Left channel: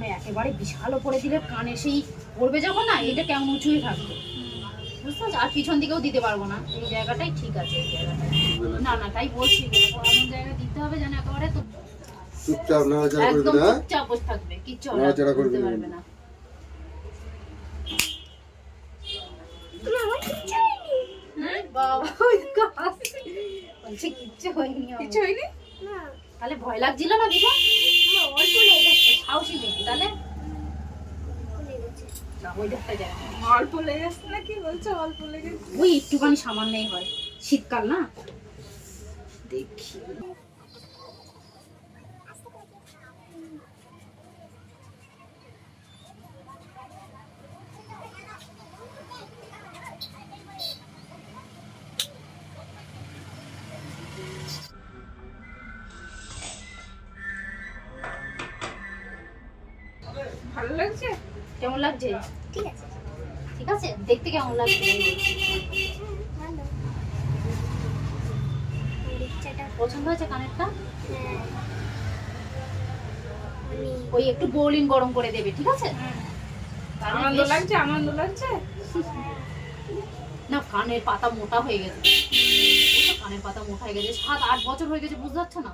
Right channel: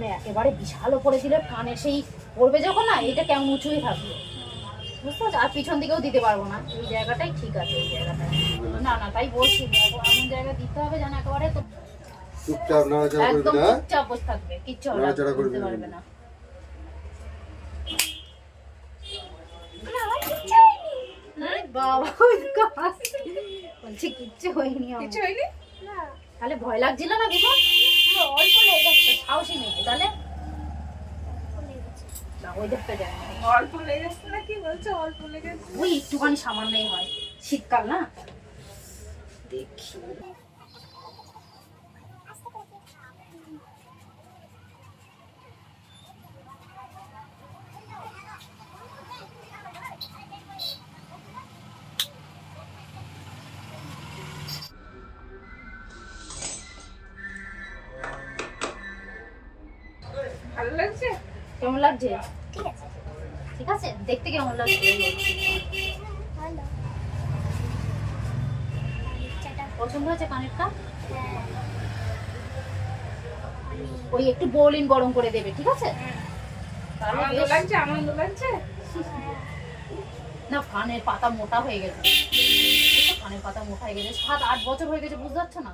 মানে একেবারে বিশাল ওপরে দিলে কানে সেই পড়বে যখন না, এটা কেমন উঁচুই থাকবে, বুঝতে পারছো? আর পিছন দিকেও দিতে পারবো না, এই জায়গাটাই ঠিক আছে, এই জায়গাটাই না না, তাই বলছি এমন জায়গায় দিতে হবে যেন একেবারে তো চুপচাপ নাড়াচাড়া করবি একদম না, চুপচাপ বসে থাকবে, কিচ্ছু নাড়াচাড়া করবি বুঝতে পারবে না। বাবা বলছে কিচ্ছু হয়নি, কিছু হয়নি। তাহলে ভয় লাগছিল না বিভা? অল্প লেগে গেছে, সাহসী মেয়ে তাহলে না, ওই দেখতে যায় অল্প লেগেছে না, কি বলছো অল্প লেগেছে? ওই একটুখানি সামান্যই হয়, শীতকাল না। দেখি ভালো লাগছে? কেমন লাগছে? ঠিক আছে, ঠিক আছে, দেখতে কেমন লাগছে? ভালো। আর ইচ্ছাটা পছন্দ হয়েছে কানেরটা? হ্যাঁ অনেক। ওই একটু বোলিং গরম করে দেবে, ঠিক আছে? তাহলে আনন্দ বেশ- লাগছে, আনন্দ লাগছে। না, কানের পাতা মোটা হয়ে গেছে, বুঝছো? কানের পাতা মোটা হয়ে গেছে, 7-8 বছর হয়ে গেছে, বুঝতে পারছো না?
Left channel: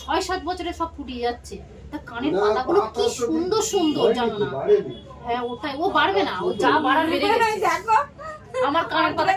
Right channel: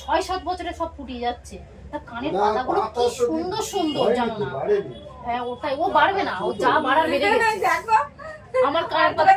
6-7 বছরে সব ফুটিয়ে যাচ্ছে। তা কানের না, পাতাগুলো পাতা কি তো সুন্দর সুন্দর, জানো না? বাড়েনি। হ্যাঁ ওটাই, ও বাড়বে না, ও যা বাড়ার বেড়ে গেছে। দেখো আমার কানের পাতা